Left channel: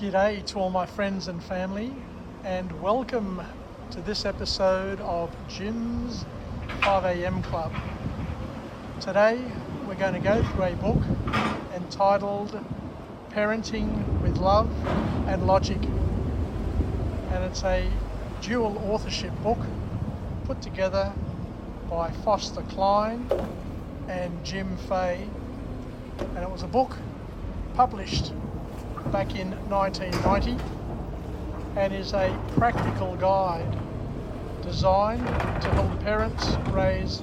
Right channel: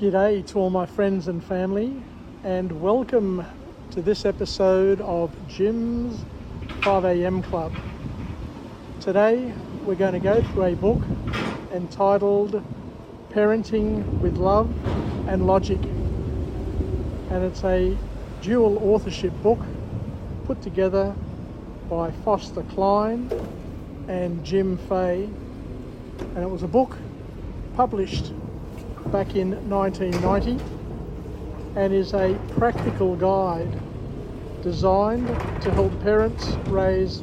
G'day to all my friends and family, and welcome to this episode of Jim's 5am Club. Today we're going to go through a book entitled Parenting with Love and Logic, and it's a dual authorship book put together by Cline and Jim Fay, and it was a book published back in 1990 and is a practical guide designed to help parents raise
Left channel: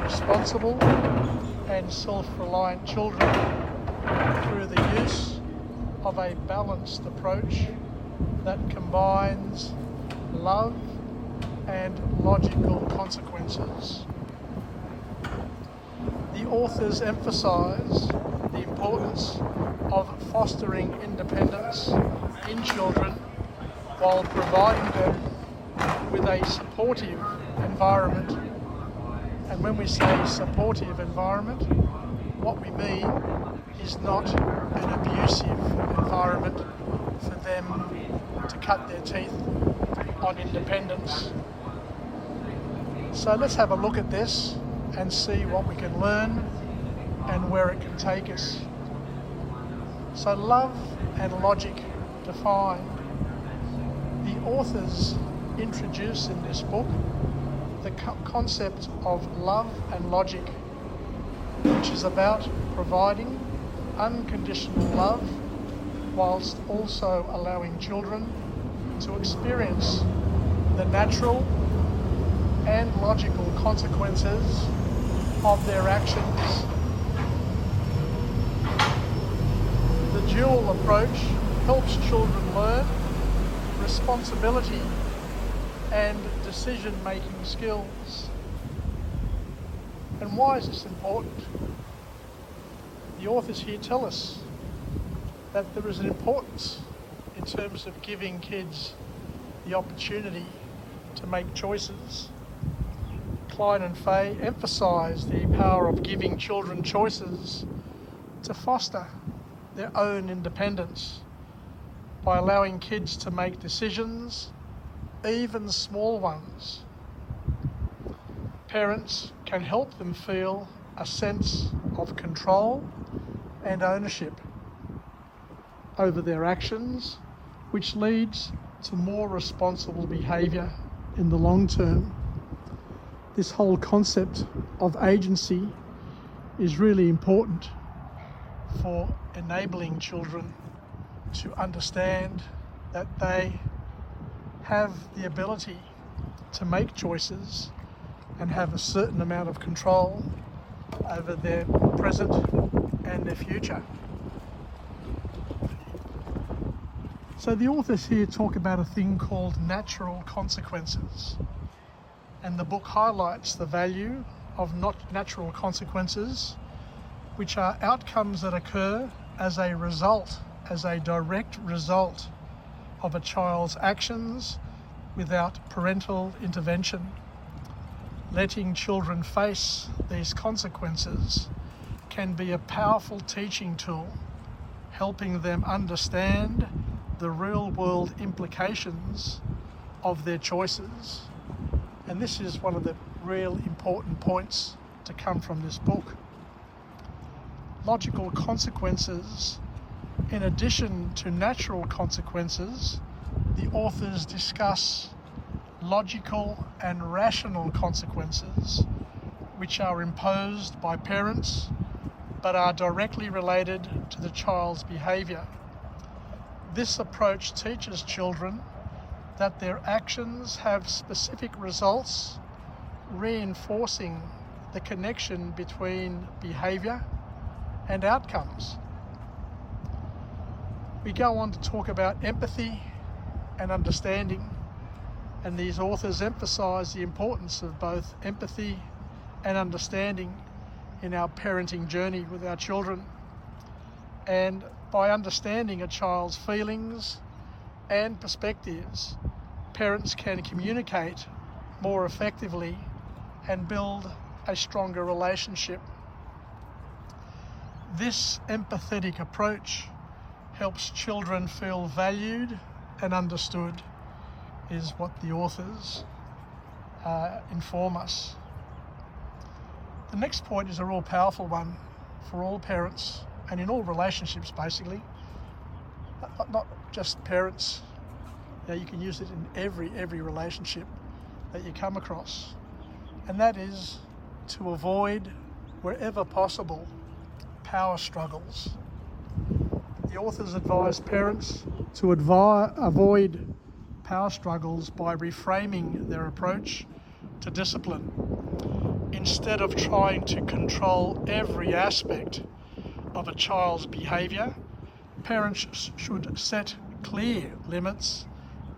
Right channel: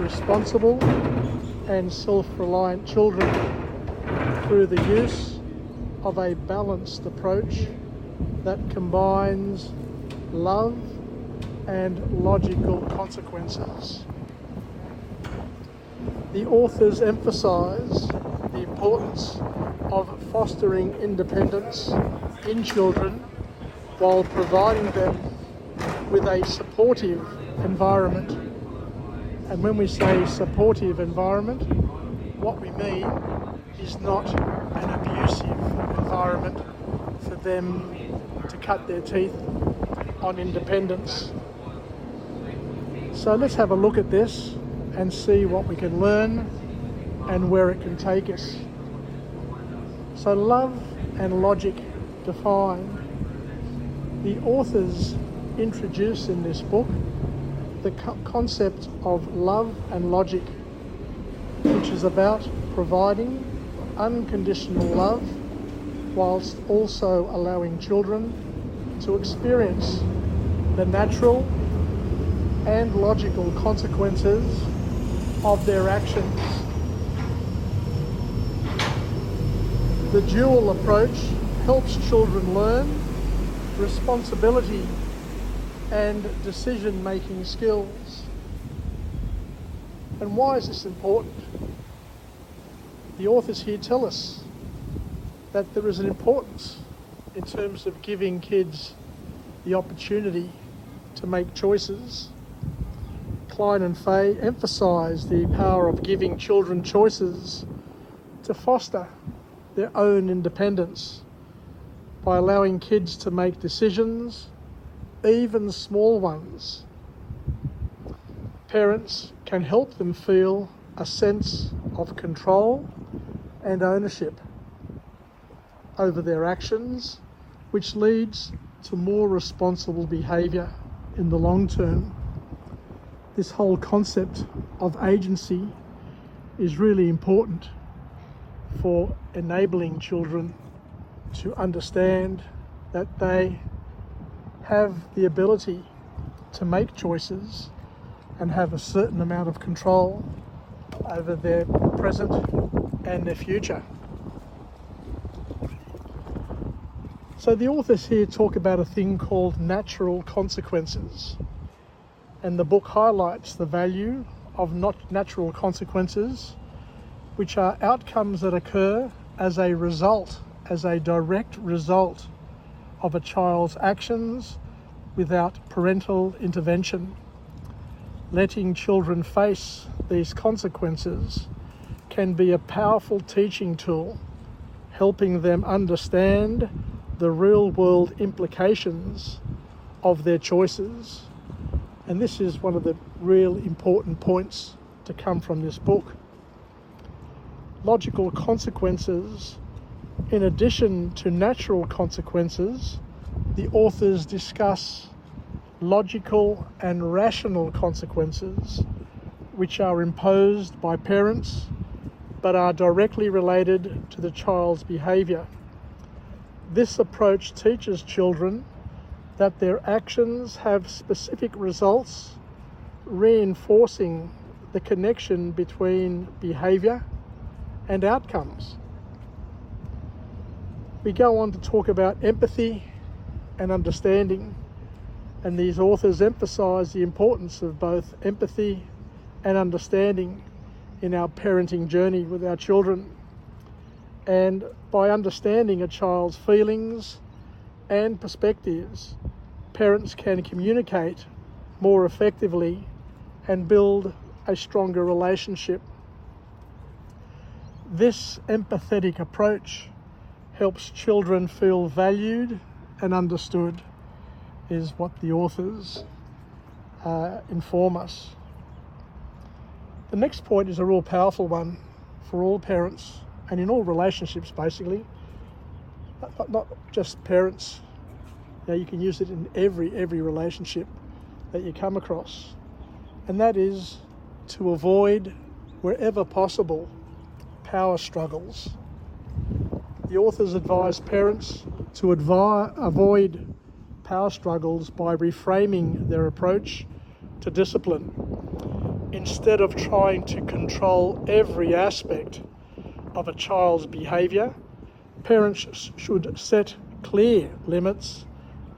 responsible and self-reliant children through the use of a balanced approach that combines love and logical consequences. The authors emphasise the importance of fostering independence in children while providing them with a supportive environment. And when we say supportive environment, what we mean is not an abusive environment for them to cut their teeth on independence. So let's have a look at this and see what we can learn and where it can take us. So love and logic defined. The authors introduce in this book the concept of love and logic, which is about providing unconditional love whilst also allowing children to experience the natural and logical consequences of their actions. The dual approach helps children learn responsibility and decision-making skills. And why is this important? The authors here tell us that there is an importance in terms of giving kids the opportunity to make choices. Cline and Fay emphasise the power of giving children choices to foster their own independence by allowing kids to make decisions, even small ones. Parents can help them feel a sense of control and ownership over their actions, which leads to more responsible behaviour in the long term. This whole concept of agency is really important for enabling children to understand that they have the ability to make choices and have a certain amount of control over their present and their future. So the authors here talk about a thing called natural consequences, and the book highlights the value of not natural consequences, which are outcomes that occur as a result, as a direct result of a child's actions without parental intervention. Letting children face these consequences can be a powerful teaching tool, helping them understand the real-world implications of their choices. And this is one of the real important points to come from this book. Logical consequences, in addition to natural consequences, the authors discuss logical and rational consequences, which are imposed by parents but are directly related to the child's behaviour. This approach teaches children that their actions have specific results, reinforcing the connection between behaviour and outcomes. We go on to talk about empathy and understanding, and these authors emphasise the importance of both empathy and understanding in our parenting journey with our children. And by understanding a child's feelings and perspectives, parents can communicate more effectively and build a stronger relationship. This empathetic approach helps children feel valued and understood, is what the authors inform us. The next point is a real powerful one for all parents and in all relationships, basically, not just parents. You can use it in every relationship that you come across, and that is to avoid, wherever possible, power struggles. The authors advise parents to avoid power struggles by reframing their approach to discipline. Instead of trying to control every aspect of a child's behaviour, parents should set clear limits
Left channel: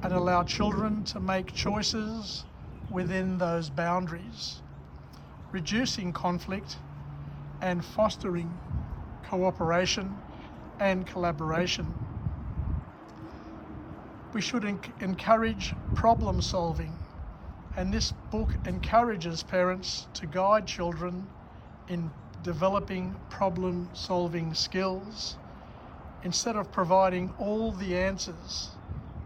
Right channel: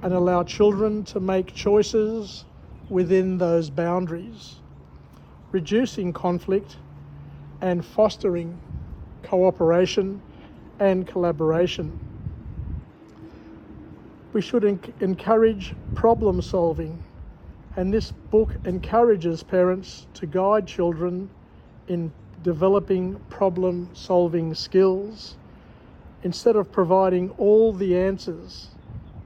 and allow children to make choices within those boundaries, reducing conflict and fostering cooperation and collaboration. We should encourage problem solving, and this book encourages parents to guide children in developing problem solving skills. Instead of providing all the answers,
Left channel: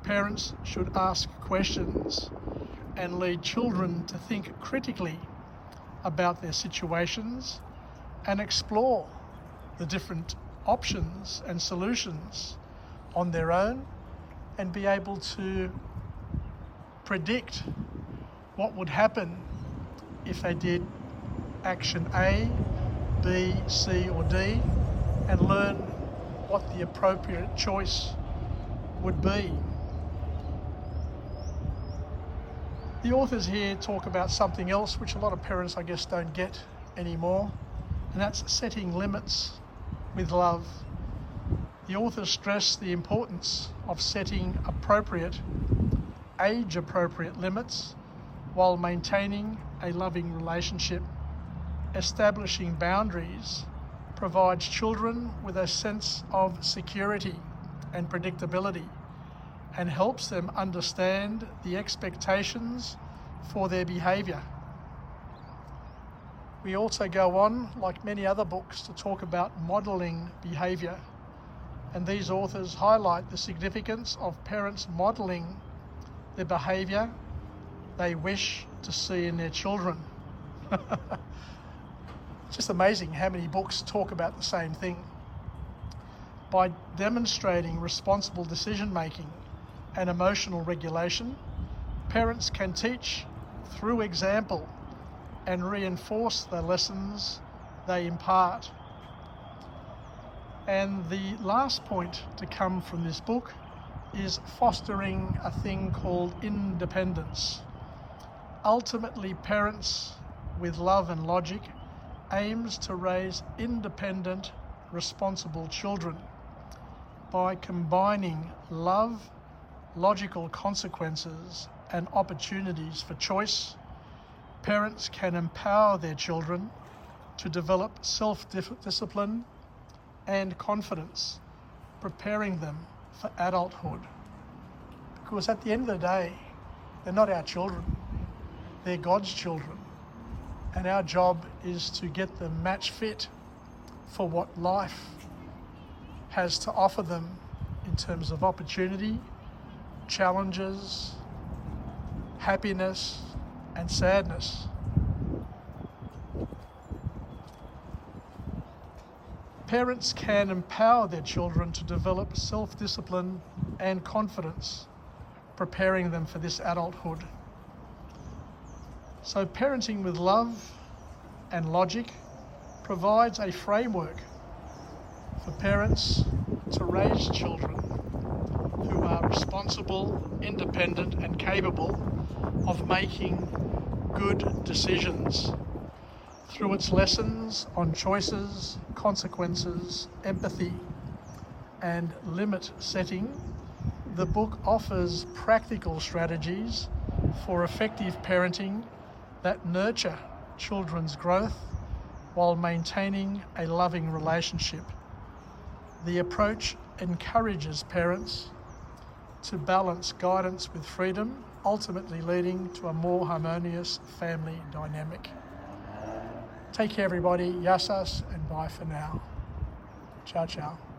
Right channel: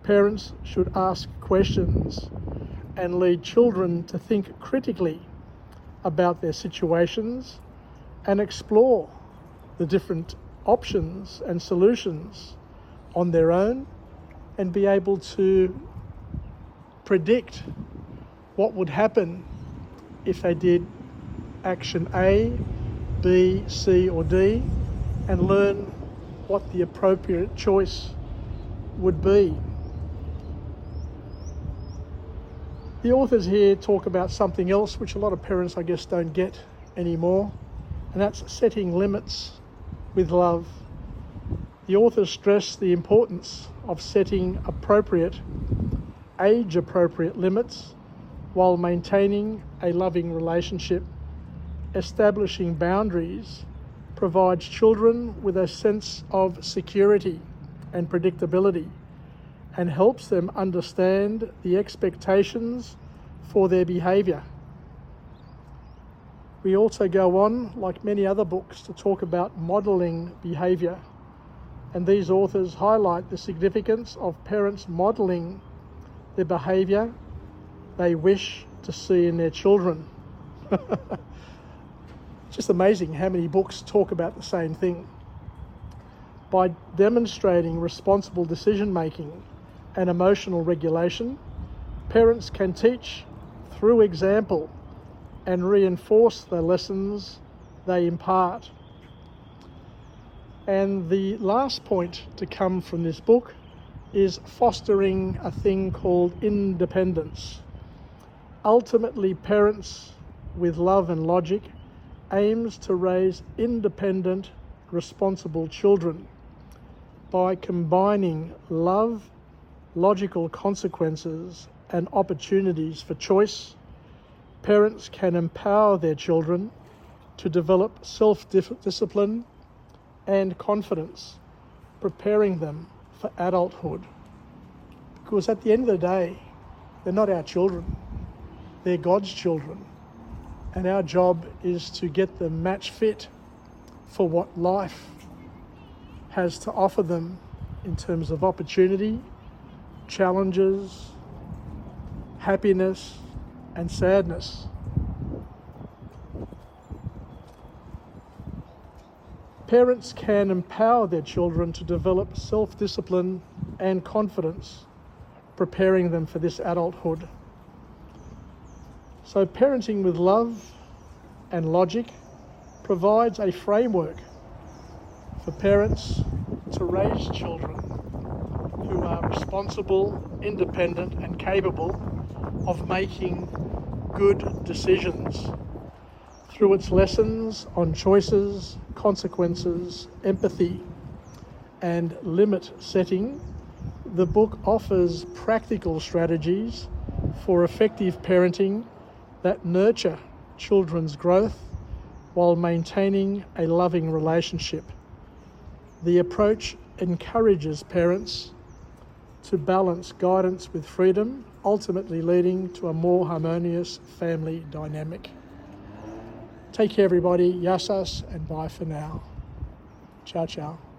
parents should ask questions and lead children to think critically about their situations and explore the different options and solutions on their own, and be able to predict what would happen if they did action A, B, C or D, and learn what the appropriate choice would be. The authors here talk about something else which a lot of parents, I guess, don't get anymore, and that's setting limits with love. The authors stress the importance of setting appropriate, age-appropriate limits while maintaining a loving relationship. Establishing boundaries provides children with a sense of security and predictability, and helps them understand the expectations for their behaviour. We also go on, like many other books, to talk about modelling behaviour, and these authors highlight the significance of parents modelling the behaviour they wish to see in their children. It's just amazing how many books talk about the same thing. By demonstrating responsible decision-making and emotional regulation, parents can teach through example and reinforce the lessons they impart. And the last point to come from this book is fostering a thing called independence. Ultimately, Parents with Love and Logic aims to raise independent, responsible children by combining love, logical consequences, and opportunities for choice. Parents can empower their children to develop self-discipline and confidence, preparing them for adulthood. Because at the end of the day, they're not our children, they're God's children. And our job is to get them match fit for what life has to offer them in terms of opportunity, challenges, happiness, and sadness. Parents can empower their children to develop self-discipline and confidence, preparing them for this adulthood. So parenting with love and logic provides a framework for parents to raise children who are responsible, independent, and capable of making good decisions. Through its lessons on choices, consequences, empathy, and limit setting, the book offers practical strategies for effective parenting that nurture children's growth while maintaining a loving relationship. The approach encourages parents to balance guidance with freedom, ultimately leading to a more harmonious family dynamic. Take care, everybody. Yassas, and bye for now. Ciao, ciao.